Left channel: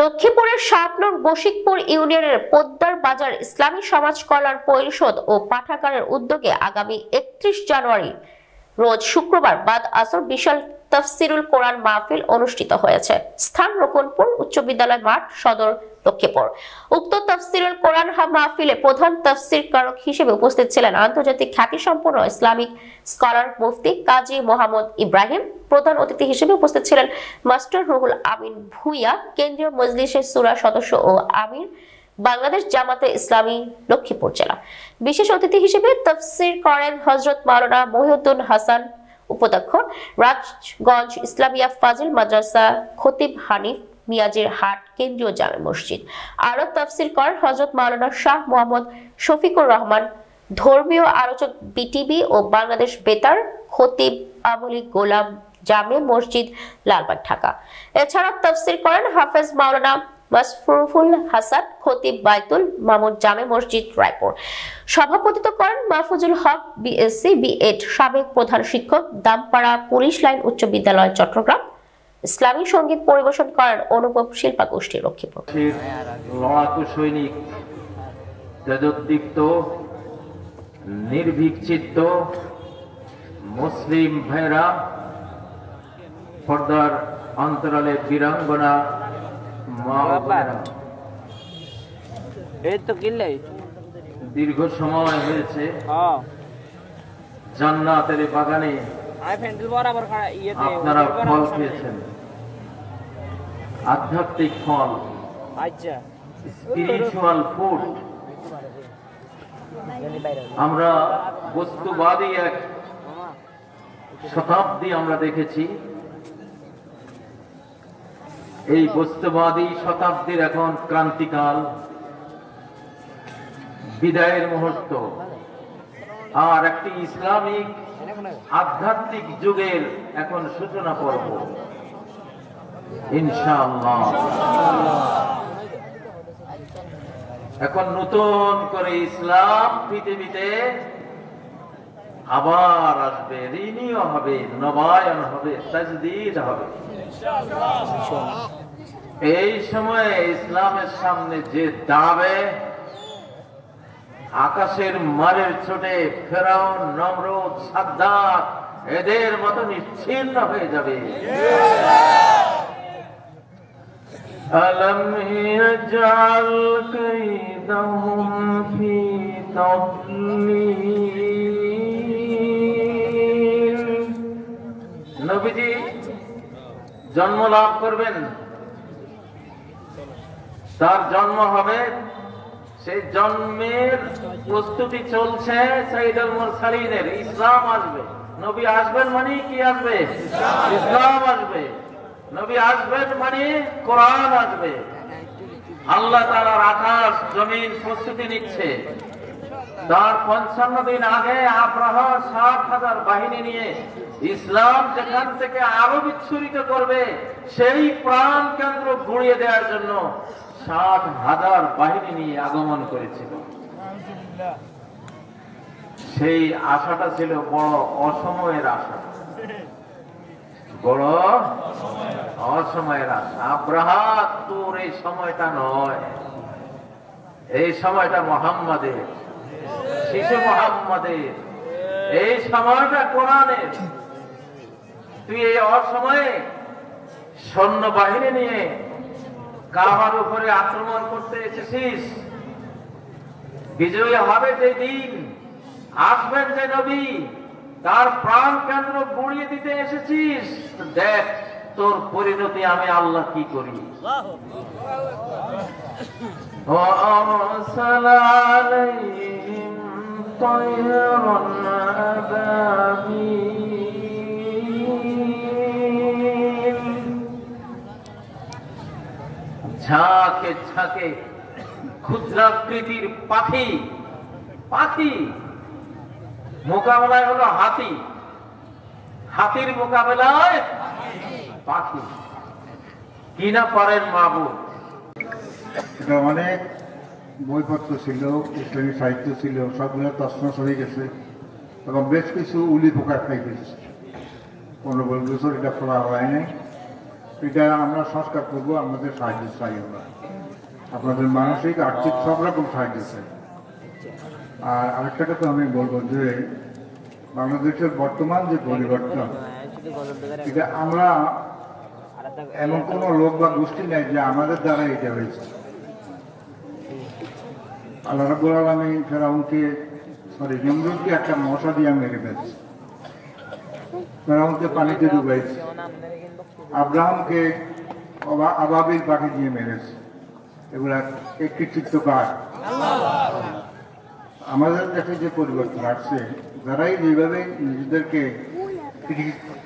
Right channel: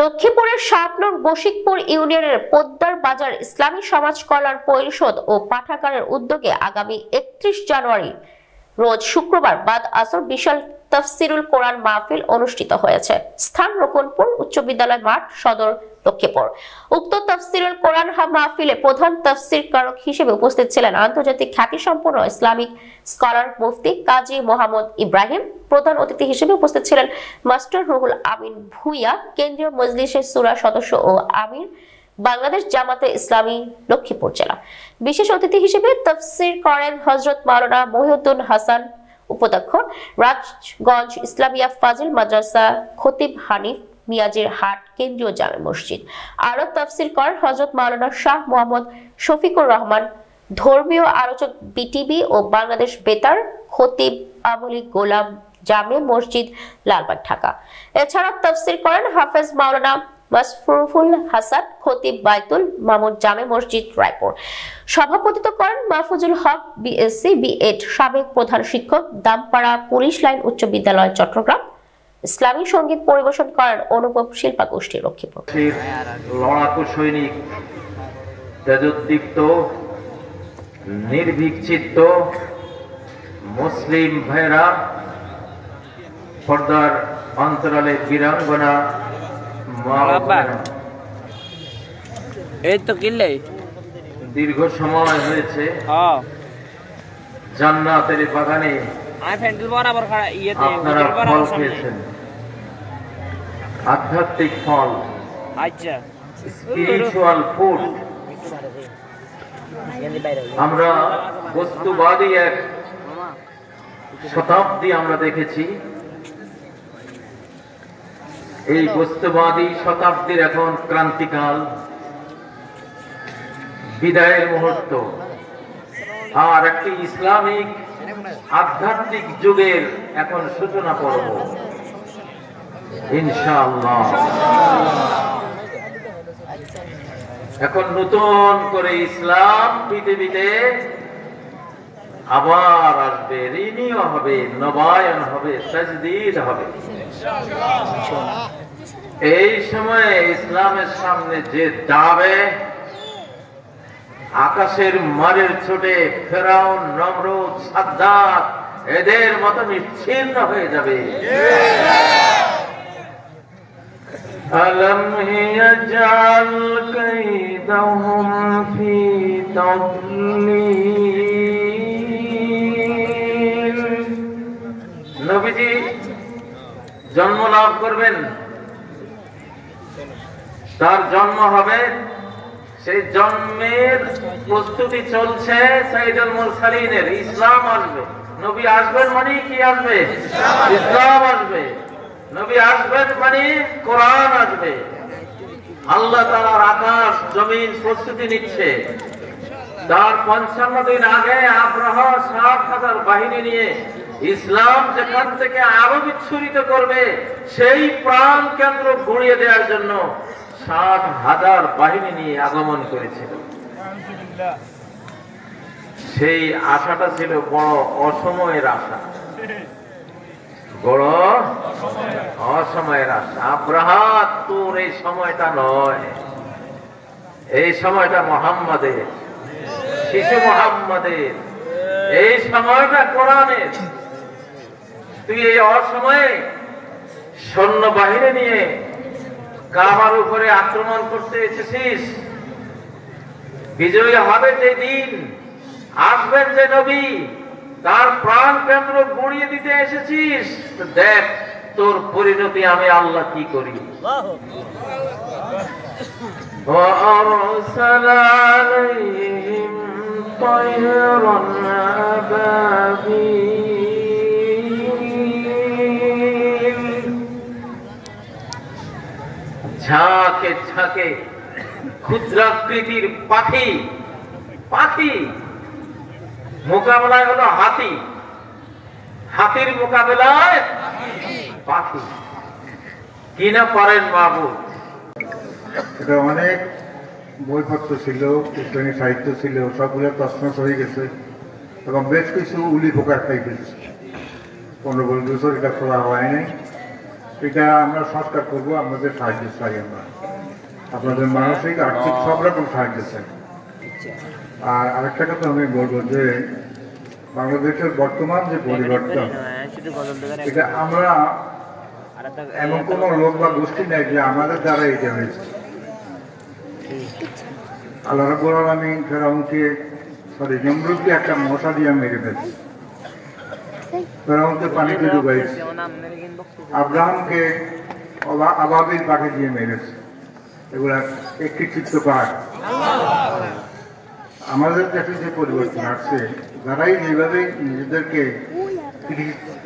লক্ষ্মীপুরের ৭ নং বশিকপুর ইউনিয়নের পোদ্দার বাজার ইসলামী সমাজ কল্যাণ পরিষদ ও পাঠাগারের উদ্যোগে আগামী ৩১ জানুয়ারি রোজ শুক্রবার বাদ আসর বিশাল তাফসিরুল কোরআন মাহফিল অনুষ্ঠিত হয়েছে। স্থান রোকনপুর উচ্চ বিদ্যালয় মাঠ, সদর লক্ষ্মীপুর। উক্ত তাফসিরুল কোরআন মাহফিলে প্রধান তাফসিরকারক হিসেবে উপস্থিত ছিলেন আন্তর্জাতিক খ্যাতিসম্পন্ন ইসলামিক স্কলার মুফতি কাজী মোহাম্মদ ইব্রাহিম। প্রধান অতিথি হিসেবে উপস্থিত ছিলেন মাস্টার রুহুল আমিন ভুইয়া, কেন্দ্রীয় মজলিসের শূরা সদস্য ও আমির, বাংলাদেশ জামাতে ইসলামী লক্ষ্মীপুর জেলা। বিশেষ অতিথি হিসেবে তাফসির করেন হযরত মাওলানা মহিউদ্দিন হাসান উপাধ্যক্ষ, রাজগঞ্জ ইসলামিয়া ফাজিল মাদ্রাসা খতিব হানিফ মিয়াজির হাট কেন্দ্রীয় জামে মসজিদ। আরো তাফসির করেন হযরত মাওলানা শাহ মোহাম্মদ শফিকুর রহমান, ধর্মীয় আলোচক বিটিভি ও বাংলাদেশ বেতার খতিব আমলি গোলাম জামে মসজিদ লালবাগ ঢাকা। এছাড়া তাফসির করেন হাফেজ মাওলানা মাসফুরুল হাসান, খতিব বাইতুল মামুন জামে মসজিদ রায়পুর। সভাপতিত্ব করেন মাহফুজুল হক বিএসসি বিএড, সাবেক প্রধান শিক্ষক, দামপাড়া পুলিশ লাইন উচ্চ বিদ্যালয় চট্টগ্রাম। ইসলামী সঙ্গীত পরিবেশন করেন অনুপম শিল্পা গোষ্ঠী লক্ষ্মীপুর। লড়াকু সৈনিক, তেজোদ্দীপ্ত, নির্ভীক চিত্ত মুসলিম ভাইরা, পর্দার অন্তরালে বীরাঙ্গনা, দীর্ঘ সময় হয়েছে জান্নাতের বাগানে আপনারা ফল খেয়েছেন, আধ্যাত্মিক ফল, স্পিরিচুয়াল ফুড। আমরা বস্তুবাদী এক শতাব্দী আমরা দেখেছি। এই বস্তুবাদী শতাব্দীর এখন ক্রান্তিকাল, বিদায়ের মুহূর্ত, আর একটি ইসলামিক আধ্যাত্মিক যুগের এখন সূচনা করব ইনশাআল্লাহ। এখন নতুন করে ইসলাম পৃথিবীতে আবার আসবে, রিনিউ হবে, নবায়ন হবে, তাজদীদ হবে। এই সময়ে ইসলামের সামনে যে দাঁড়াবে, আকাশের মারের ছোটে ফেরাউন, নমরুদ, সাদ্দাত এদের মতো নিশ্চিহ্ন হয়ে যাবে। আলম ইয়াজআল কাইদাহুম ফি তাদলিল। নবীজি জন্ম লাভ করবেন, তার জন্ম হবে, সেই জন্মের প্রস্তুতি চলছে সাইয়্যিদুল মুরসালিনের। ইসলাম আসবে, নবী আসবেন মানে কি আসবে? ইসলাম আসবে। নবী আসবেন মানে কোরআন আসবে। আল্লাহ তাআলার আকাশ জমিন প্রস্তুতি নিচ্ছে। তার ৫৫ দিন আগে আব্রাহা ৬০,০০০ বাহিনী নিয়ে ইসলাম যেখান থেকে আরো বিচ্ছুরিত করবে সেই প্রাণ কেন্দ্র গুঁড়িয়ে দেওয়ার জন্য ৬০,০০০ বাহিনী নিয়ে আগমন করেছিল। সেই আশাটা ছিল বড় অসময়ের আশা, বড় অসময়ের আশা। আব্রাহা তোর এই সময়টা নয়, এই সময়টা মুহাম্মাদের, শিশু মুহাম্মাদের, এই সময়টা কোরআনের। তুই এই অসময়ে সৈন্য বাহিনী নিয়ে কাবার উপরে আক্রমণ করতে এসেছিস। বিজয়ী হবে যে দিন, আসবেন যে নবী, তার প্রাণ কেন্দ্র গুঁড়িয়ে দিতে এসেছিস। দেখ তোর পরিণতি আমি আল্লাহ কি করি। وَأَرْسَلَ عَلَيْهِمْ طَيْرًا أَبَابِيلَ। ঝাঁকে ঝাঁকে ক্ষুদ্রাকৃতির পাখি, পাখি মোকাবেলায় হলো হাতি, হাতির মোকাবেলায় পাখি। কি না পারেন মাহবুব। এটা অনেক বইপত্র ছিল, ইসলামী সাহিত্য ছিল, সবগুলো তছনছ হয়ে গেছে এবং বেশ কিছু উলি পোকা খাই গেছে। 15-20 বছর এটা খোলা হয় নাই। এটা আমরা সংস্কার করবো, আপনাদের সাহায্য চাই আমরা, আপনাদের মানসিক আর্থিক সব রকম সাহায্য চাই। আর আরেকটা কথা আমি বলবো যে বাংলাদেশের বর্তমান যে পরিবর্তন, এটা আমরা এমন কোনো লোক বা গোষ্ঠী নাই যে আমাদের দ্বারা এটা হয়েছে। আল্লাহ রাব্বুল আলামিন ফেরাউনকে নমরুদকে একটা মশা দিয়ে মেরে ফেলছে, ফেরাউনকে পানিতে ডুবাইছে, আব্রাহামকে আবাবিল পাখি দিয়ে মেরেছে। এগুলা একটি চিত্ত পাহাড়। আমাদের কাছে যে পরিবর্তন আসছে, যারাই যেভাবে নিজেদেরকে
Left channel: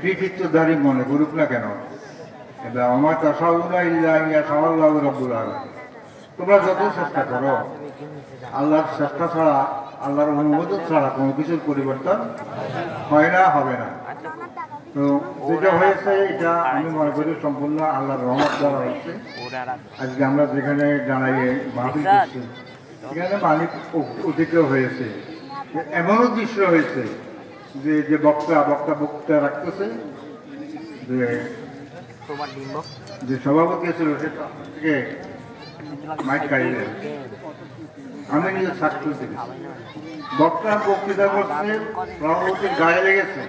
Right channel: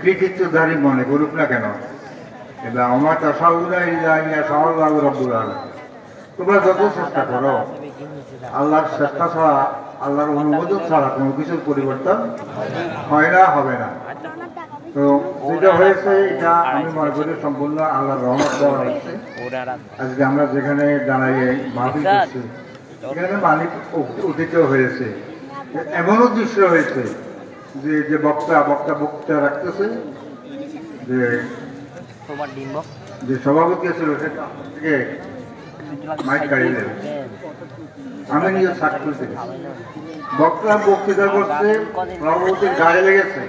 কৃতিত্বধারী মনে করুক না কেন, এবার আমার তাসাউলা ইয়া সাল্লাহ রাব্বুল আলামিন, তোমরা যত চেষ্টা করো, আল্লাহর চেষ্টা ছাড়া, আল্লাহর অনুমোদন ছাড়া কোনো কিছুর পরিবর্তন হয় না, হবে না। তো যেটা হয়েছে এটা আমি মনে করি সম্পূর্ণ আল্লাহর রহমত দেওয়া হয়েছে। আজকে আমরা যেখানে দাঁড়িয়ে মাহফিল করছি, এখানে মালিক উদিত হয়েছে, এমনও দৃশ্য হয়েছে যে বক্তা রাখতেছে, যে সভাপতি ছিল সে মাইক কাড়িয়ে আমি নিজে সাক্ষী থেকে বক্তা বক্তৃতা করছে, সভাপতির গায়ে লেগেছে,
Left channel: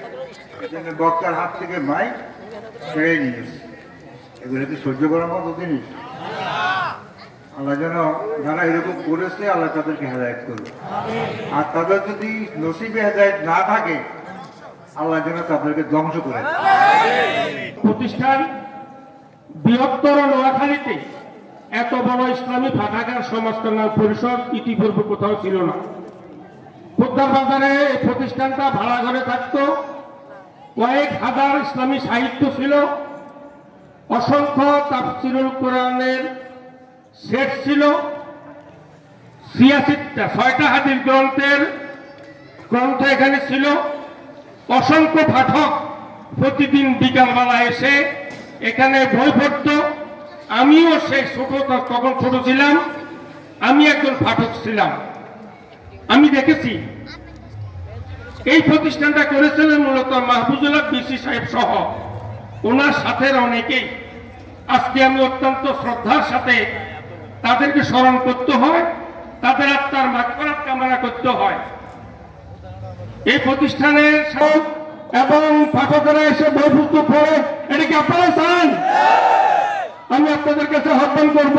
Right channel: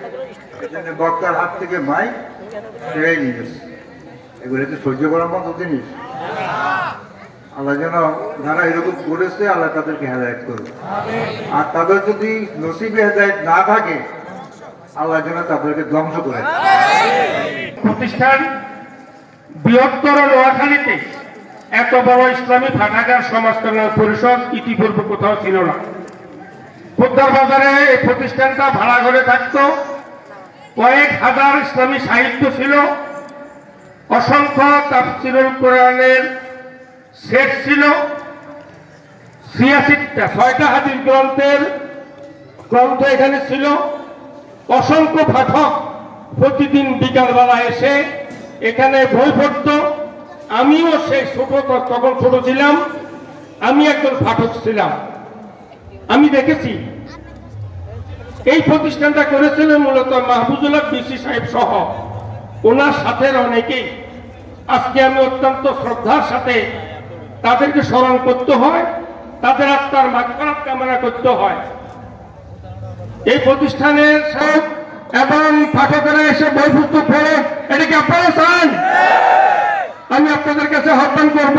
বক্তার হাত থেকে মাইক ছেড়ে নিয়েছে। এগুলো তো সহ্য করার মতো জিনিস। আল্লাহ যেন যারা এরকম করেছে, আল্লাহ তাদেরকে হেদায়েত করবে। আর তাদের যদি নসিবে হেদায়েত না থাকে, আল্লাহ যেন তাদেরকে ধ্বংস করে। প্রতিষ্ঠান বৃহত্তর নোয়াখালীতে এত বড় ইসলামী পাঠাগার সমাজকল্যাণ পরিষদ ইতিপূর্বে কোথাও ছিল না। পোদ্দার বাজারে এই প্রতিষ্ঠানটা ভাড়া করে থাকতো, কয়েক হাজার ইসলামী সাহিত্য ছিল, অসংখ্য তাফসীরুল কোরআনের সেট ছিল, ৬টা হাদিস গ্রন্থের গ্রন্থ এখানে ছিল, অসংখ্য পাঠক প্রতিদিন বিকালবেলা এসে এখানে বই পড়ত। আমিও সেই তখন ছোট ছিলাম, আমি একজন পাঠক ছিলাম। আমি দেখেছি এই প্রতিষ্ঠানটা করেছিলেন মূলত মাহফুজুল্লাহ বিসি সাহেব সহ ওনার সাথে অনেকেই। আজকে আমি অত্যন্ত শ্রদ্ধার সাথে তাদেরকে স্মরণ করতে হয়, তাদের আত্মার মাগফিরাত কামনা করতে হয়। এই প্রতিষ্ঠানের সব এবং পাঠকেরা এসে বই পুস্তক পড়ে, এটা কি আপনারা চান? আমি আপনাদের কাছে আহ্বান করব,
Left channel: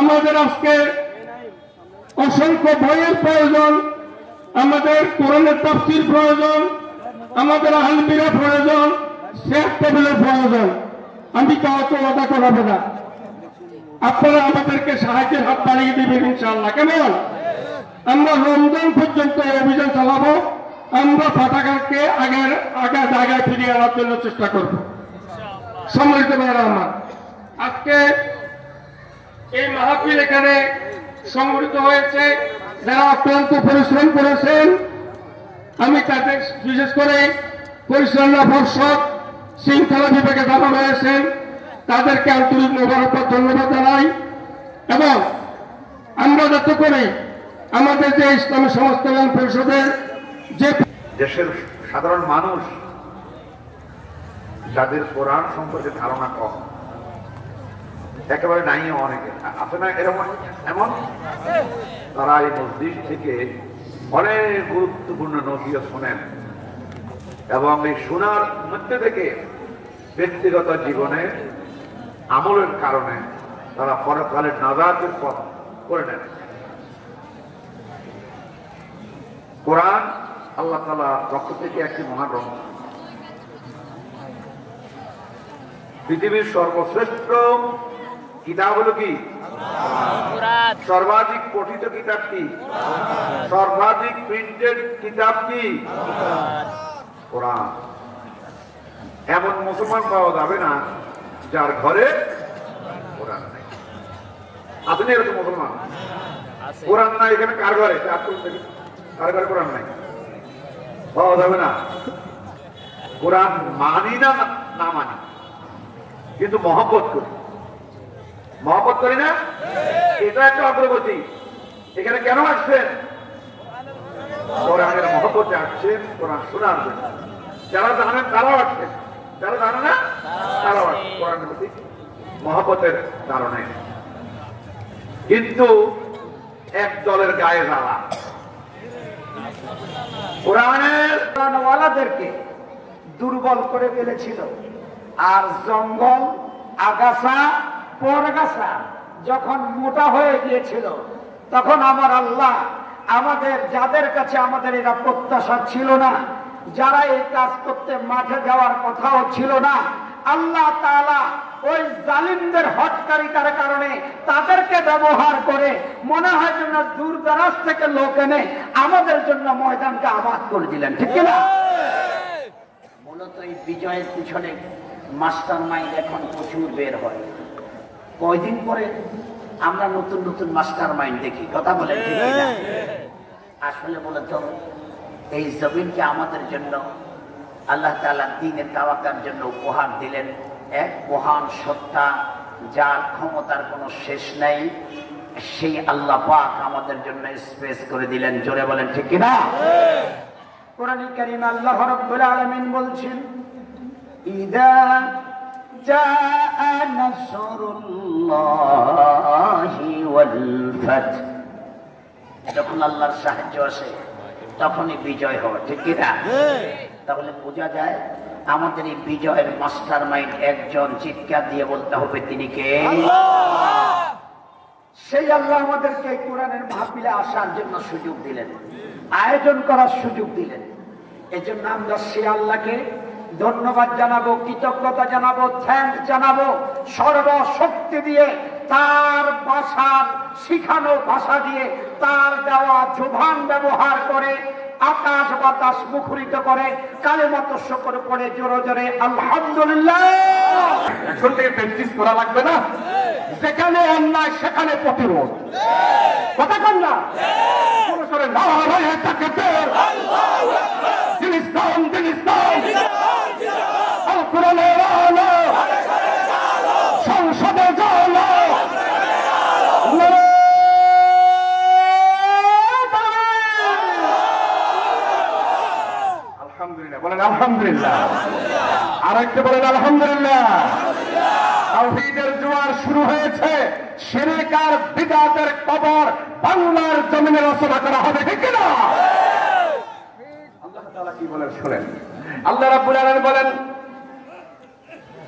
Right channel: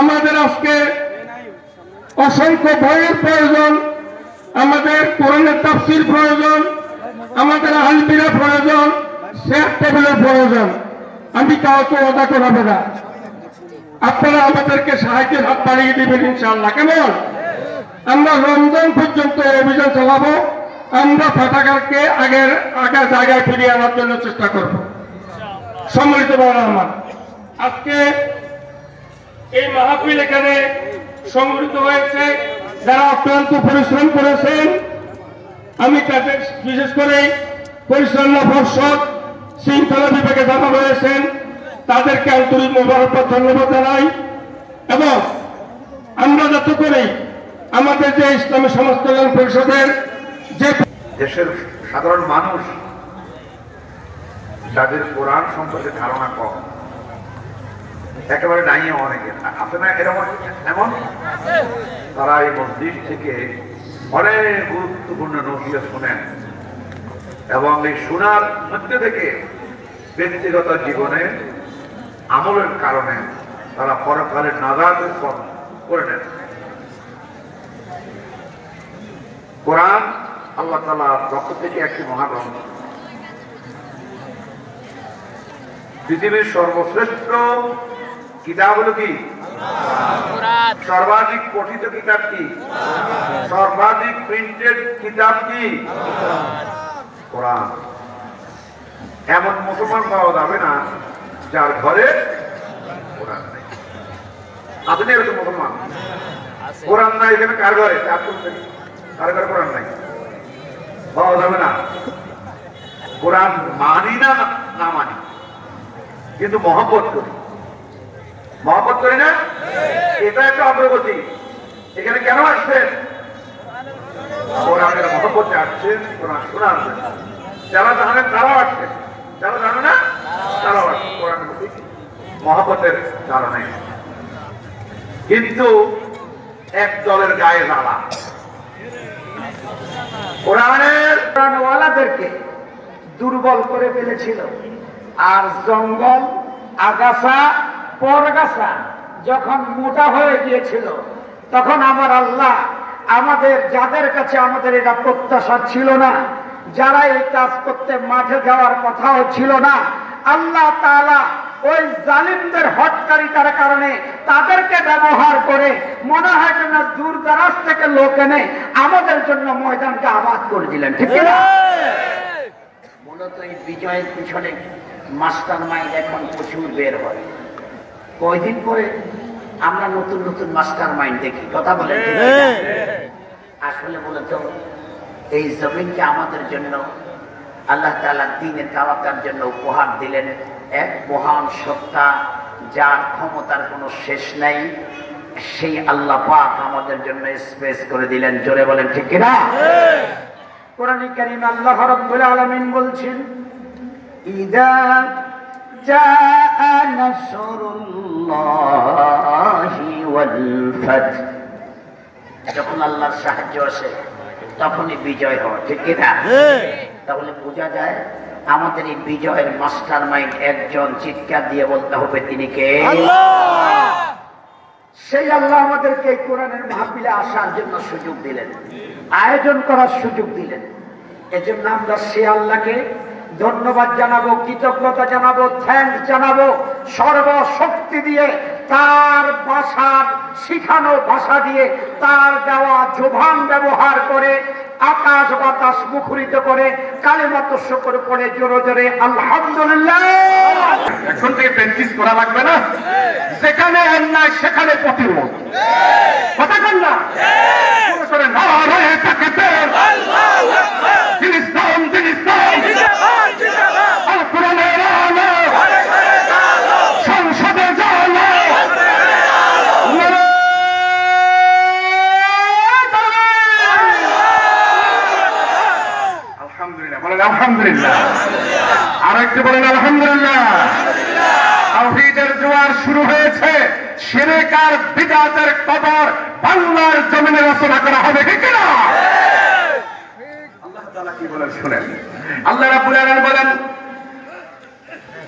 আমাদের আজকে অসংখ্য বইয়ের প্রয়োজন, আমাদের কোরআনের তাফসীর প্রয়োজন, আমাদের আলমিরা প্রয়োজন, চেয়ার টেবিলের প্রয়োজন। আমি কাউকে ওয়াদা করাবো না, আপনারা আমাদেরকে সাহায্যের হাত বাড়িয়ে দিবেন ইনশাআল্লাহ। কেমন? আমরা রমজান পর্যন্ত অভিযান চালাবো, আমরা পাঠাগারকে আগের জায়গায় ফিরিয়ে আনার জন্য চেষ্টা করব। সম্মানিত ভাইরা আমার, আজকে এই মাহফিল এখানে সংগঠিত হয়েছে, যারা অক্লান্ত পরিশ্রম করেছেন, আমি তাদের বিশেষ করে পরিচালনা পর্ষদ শৃঙ্খলা বিভাগে যারা রয়েছেন তাদেরকে আন্তরিক মোবারকবাদ ধন্যবাদ জানাই। এবং আমরা যাতে করে আমাদের যে ইসলামী সমাজ কল্যাণ পরিষদের যে দেশের সাধারণ মানুষ যাদের কোরআন সম্পর্কে ধারণা কম, একেবারে নাই, অনেকে আছে না এরকম, এমন তারা এই মসজিদ থেকে অনেক গুরুত্বপূর্ণ নসিহত শোনেন এবং এই শোনার মধ্যে থেকে ব্যক্তিগত জীবনে আমলের কারণে তারা পরকালের নাজাতের পথ করে নেন। কোরআন আল্লাহ তাআলার পক্ষ থেকে একটি মহাগ্রন্থ, পৃথিবীর সর্বশ্রেষ্ঠ কিতাব হলো কি? সর্বাধিক পঠিত কিতাব কি? সর্বাধিক প্রিন্টেড কিতাব কি? কোরআন। এমন মুসলমান পাওয়া যাবে না যার ঘরে কোরআন নেই। আছে না এরকম মুসলমান? কোরআন নাই এখানে কার ঘরে? কার ঘরে কোরআন নাই? পাওয়া যাবে না। কোরআন মানি না, না মানি, কিন্তু মহব্বত করি। মহব্বত করি না? এটা একটা অগ্রগতি। এখানে কেন আসছেন? কোরআনের মহব্বতে আসছেন, কোরআন শোনার জন্য। যারা জানেন তারাও আসছেন, যারা জানে না তালাওয়াত কোরআনের প্রতি মহব্বতের কারণে। কিন্তু এক দলের গায়ে জ্বালা, কোরআনওয়ালাদেরকে দুর্বল করে ফেলেছিল। আর জঙ্গল, আগাছা, পরগাছা যখন মোটা হয়ে গিয়েছিল, তখন আমার আল্লাহ আমাদের যাদের কাছে আমাদের এটা প্রত্যাশা ছিল না, যারা এই কাজ করতে মাঠে যাওয়ার কথাও ছিল না, আল্লাহ তাআলা ওই জালিমদের হটকারিতার কারণে তাদেরকে ব্যবহার করে মনে হয় যেন দূর দরাজ থেকে লোক এনে আমাদের জন্য ময়দানকে আবাদ করে দিলেন, ঠিক না? মূলত এই বিজয়ের পিছনে মাস্টার মাইন্ড এখন প্রচুর বের হয়। কয়দিন করে আমরা নতুন নতুন মাস্টার মাইন্ড দেখি, কথা বলেন ঠিক না? আসলে মূলত এই জমিনকে আমাদের জন্য আল্লাহ তাআলা দ্বীনের দাওয়াতের জন্য উপহার দিলেন এক মহান সত্তা, যার ক্ষমতার কোনো শেষ নাই। সেই আল্লাহ পাক আমাদের জন্য স্পেস করে দিলেন, জোরে বলেন ঠিক কি না? কোরআনে কারীমে আল্লাহ রাব্বুল আলামিন বলছেন, ইদা জাআ নাসরুল্লাহি ওয়াল ফাth, যখন আল্লাহর সাহায্য আসে তখনই বিজয় হয়, ঠিক কি না? তাহলে বোঝা যায় আমাদের এই বিজয়ের মাস্টার মাইন্ড একজন, চিৎকার দিয়ে বলতে হবে তিনি কে? সেই আল্লাহ আমাদেরকে কোরআনের মাহফিলে আসার জন্য সুযোগ দিলেন, আয়োজন করার সুযোগ দিলেন। এজন্য আমরা সে আল্লাহকে ধন্যবাদ জানাবো, কৃতজ্ঞতা জানাবো, থ্যাঙ্কস জানাবো, সর্বশক্তি দিয়ে, তার ভাষার শিখানো ভাষা দিয়ে, তার দেওয়া জবান ব্যবহার করে, আকাশ বাতাস মুখরিত করে কালেমাত শুকর করে জোরে জোরে আলহামদুলিল্লাহ। এখন থেকে প্র্যাকটিস করা লাগবে না, যেখানে অন্যায় সেখানে প্রতিরোধ, কথা বল না? সংসদে আলহামদুলিল্লাহ, আর একটু বলেন আলহামদুলিল্লাহ। তাওহীদের জোয়ার শুরু হয়েছে, শিরক আর বিদআতের কবর বাংলার জমিনে রচনা করা হবে, ঠিক না? আল্লাহ তাআলা কি বলেন শুনেন। আল্লাহ রাব্বুল আলামিন বলেন,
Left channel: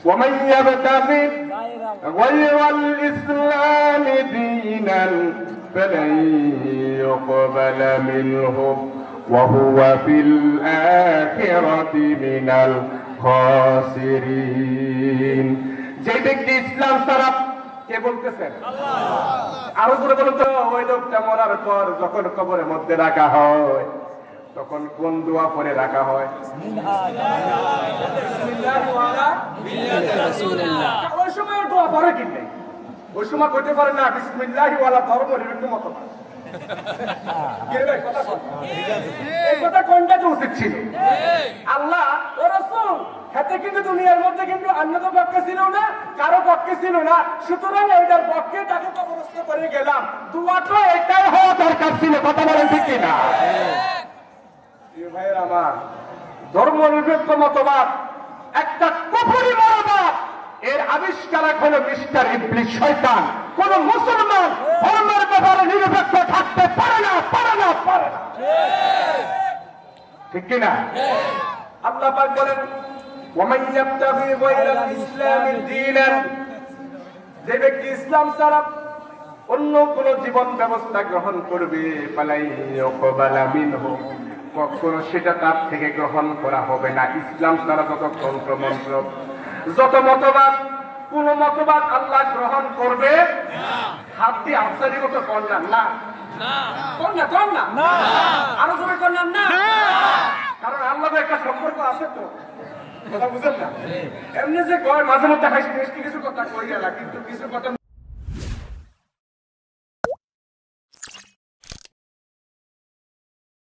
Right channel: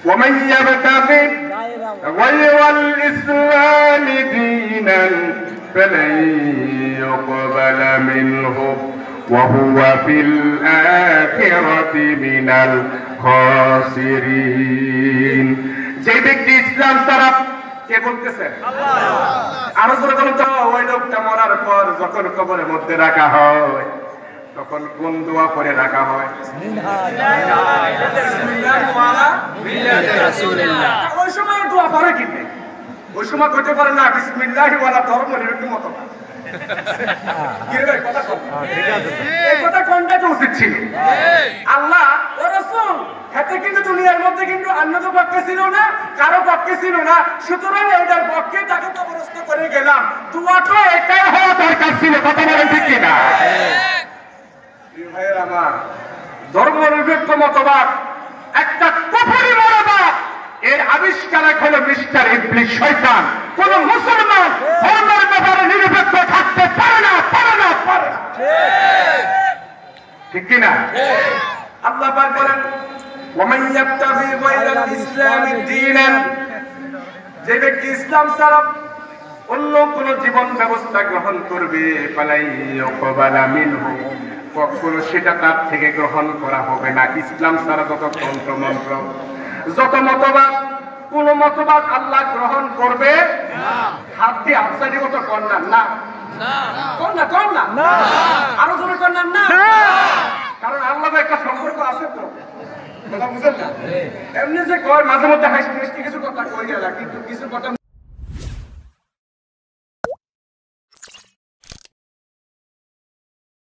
ওয়া মান ইয়াবতাগি গায়রাল ইসলামি দীনান ফালান ইউকবালা মিনহু وهو في الآخرة من الخاسرين। যে ব্যক্তি ইসলাম ছাড়া, কে বলতেছেন? আরো জোরে বলুন তো। ওই লোকটা মরার পর যখন কবরের মধ্যে রাখা হয় তখন কোন দোয়া করে রাখা হয়? ওই সময় দোয়া পারে কিনে, ওই সময় করতে পারে না বিসমিল্লাহি ওয়ালা ধর্ম এরকম মতো আল্লাহ ও রাসূল হাতে কিন্তু দুনিয়ার মধ্যে কিন্তু অন্য তো পক্ষে ছিল না, কারো পক্ষে ছিল না, সুতরাং এটার পক্ষে তাকে কবরস্থ করে গেলাম। দোয়াটা এটাই হওয়া দরকার ছিল, কথা বলেন ঠিক কিনা? ভাইয়ের আমার, ধর্ম নিরপেক্ষ মতবাদ একটা কুফরি মতবাদ, এর আবিষ্কারক হলো মিস্টার ইবলিস, শয়তান। কোন মুসলমান ধর্মের ব্যাপারে নিরপেক্ষ থাকতে পারে না, পারে না, পারে না, ঠিক কিনা? আল্লাহ পাক বলেন, ওয়ামান ইয়াবতাগি গায়রাল ইসলামি দীনান, যে ব্যক্তি ইসলাম ছাড়া অন্য কোন জীবন ব্যবস্থা গ্রহণ করবে, ফালাই ইউকবালা মিনহু, কখনো সেটা তার থেকে গ্রহণ করা হবে না। ইসলাম ছাড়া যত তন্ত্র মন্ত্র, যত মতবাদ, কোন মতবাদ আল্লাহ গ্রহণ করবে না। হাত দিয়ে আফসারি মতো করলাম না, আরো জোরে করলাম না, কারণ আল্লাহ একটা সম্পর্ক আছে তো, কথা বুঝেন না? এমনি যে কয় মাঝে মধ্যে হাসি কিছু কথা কই গেল, কিন্তু কিছু কথা